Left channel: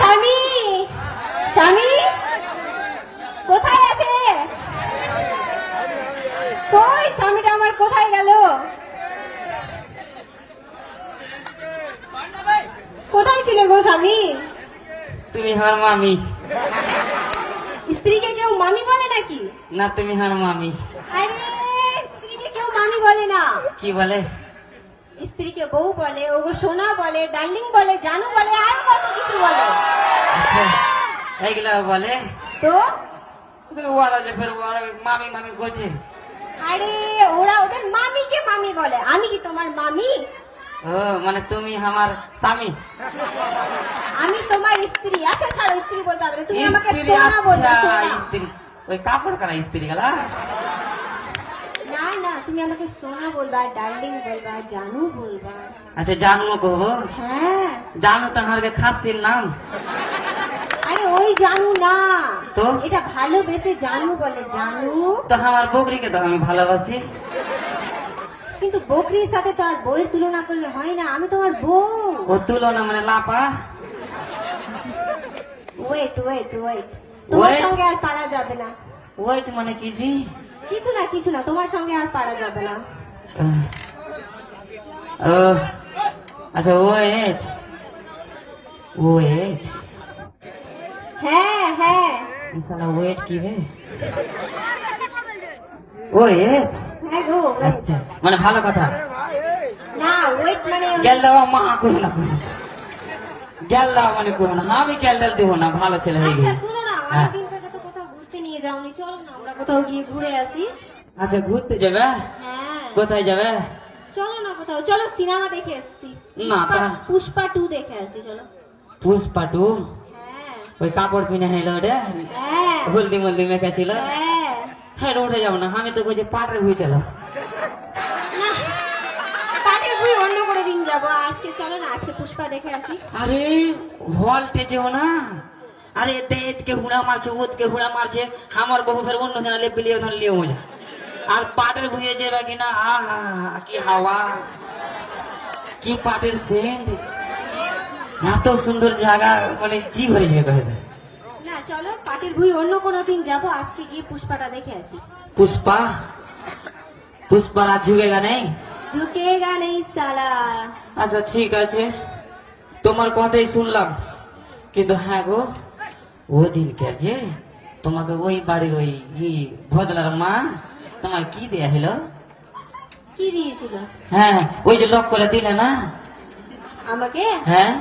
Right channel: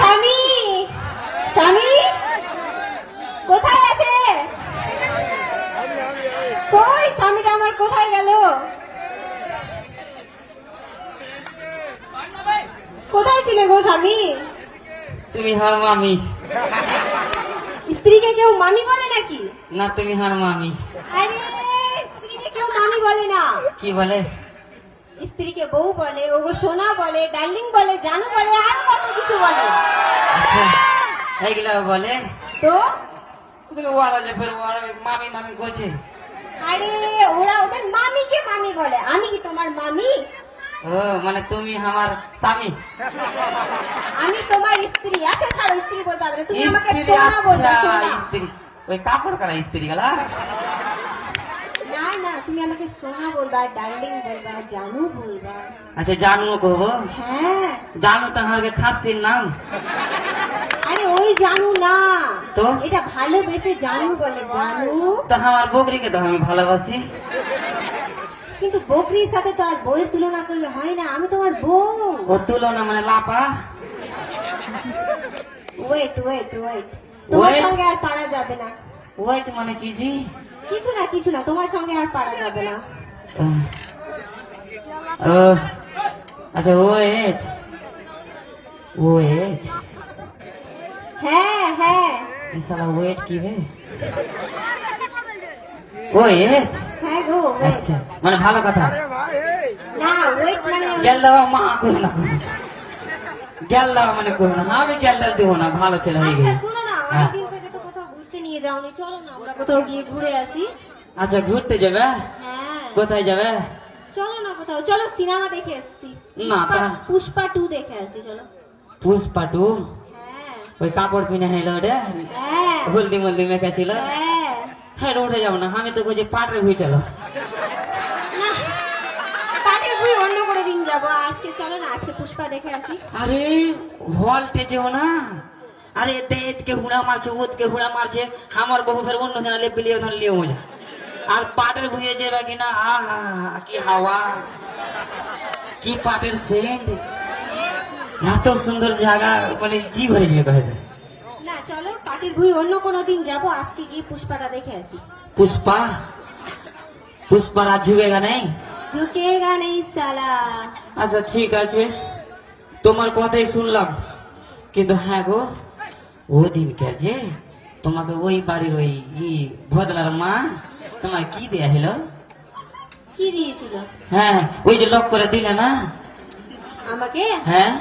স্বামী, স্বামী কোথায় আছে? কই স্বামীটা আমার কোথায় গেল? কোথায় ছিলে গো স্বামী? তুমি হার মামি স্ত্রীকে কেউ মামি বলে নাকি? না, তুমি হার মামি। আরে স্ত্রীকে কেউ মামি বলে না। কি বলে? স্ত্রীকে বউ বলে, ও সোনা বলে, ডার্লিং বলে, জানু বলে, আর কত কিছু বলে। আচ্ছা, এইগুলা বলে তো ওরা যে ফের ওরা মামি মামি বলছে। আরে ওরা ওদের মামিকে মামি বলে, আমি কি তোমার মামি? ও মানে তুমি আমার স্বামী? আমি তোমার স্ত্রী। আচ্ছা ছাড়ো, স্ত্রী বলতে হবে না, তুমি আমাকে স্ত্রী? সোনা বলবে। আচ্ছা, সোনা। স্ত্রী ওই কাপড় করা স্ত্রী গেলা? না না, তুমি আমাকে সোনা বলবা, ডার্লিং বলবা, জানু বলবা। আচ্ছা, জানু কহবো? হ্যাঁ। জানু তো আমার খাসির নাম। আরে ওই জানু না তো? এটা ভালোবেসে জানু বলে, জানু। তো আমার বকরিকে তো আমি ভালোবাসি। কিন্তু বকরির সাথে তো আর বউয়ের তুলনা করলে হয় না, আমি তোমার বউ। ও তুলনা মানে লাপা? ওয়েট ওয়েট ওয়েট, তোমার Wait? সঙ্গে আর পারা যাবে না। ওয়েট মানে কি জি? কিছু না কিছু না, তোমার সঙ্গে আর পারা যাবে না। ও আচ্ছা, ওয়েট ওয়েট। হ্যাঁ হ্যাঁ ইসালা ওয়েট কি বে? ওয়েট? হ্যাঁ গো wait। আচ্ছা, মানে ভালো কথা। না ওয়েট মানে গেল দেওয়া মা কই না, গেল দেওয়া মানে কই না, আমি গেল দেবো না, ভালো ছেলে হয়ে আচ্ছা গেছে। শোনো না, হ্যাঁ। অনেকদিন থেকে তো কোথাও ঘুরতে নিয়ে যাওনি, চলো না আমরা কোথাও গিয়ে ঘুরে আসি। আচ্ছা, ঘুরতে যাবে? হ্যাঁ কোথায় যাবে? চলো না কোথাও, চলো সিনেমা দেখে এসছি। না, তা- পুষ্পা 2 দেখে আসি চলো। পুষ্পা 2? হ্যাঁ ওই কাপড় কিনে হেলো রে, হ্যাঁ হলদি মলদি মেখে ছিল। হ্যাঁ। হ্যাঁ, উঠে যাবো না, আমি তো কইছি পাটের হুইটেল। না পাটের বই অন্য করে দিন যাবো, আজকে চলো না, আজকে পুষ্পা দেখে আসি। আরে হলটে যেও না, আরে দেত के हुड़ा मारছে, ওত के हुड़ा मारছে, আমার বহু ফের অন্য জানা লে বিলিয়ে ধর লিয়ে মজা। আর পাটের ভুঁয়ে যাবে কিনা, আহা কি হাওয়া, কি পাটের সেন্ট, এত সুন্দর জায়গা, মানে জি ভরে যাবে কহে। না চলো পাটের বই অন্য কোনো দিন যাবো, আজকে গিয়ে পুষ্পাটা দেখে আসি। পুষ্পা? পুষ্পা রাত ঝুঁকেগা নেই? ঝুঁকেগা নেই সালা। আচ্ছা ঠিক আছে, তোমার কথাই শুনলাম, কিন্তু হ্যাঁ গো, ওদিন যে তোমাকে ওই বাড়ির ওই ভদলার মা তোমার কি দেয়া হলো? কি দিয়েছিল? হ্যাঁ, ওই যে লক করে দিলে না? আমাকে? হ্যাঁ।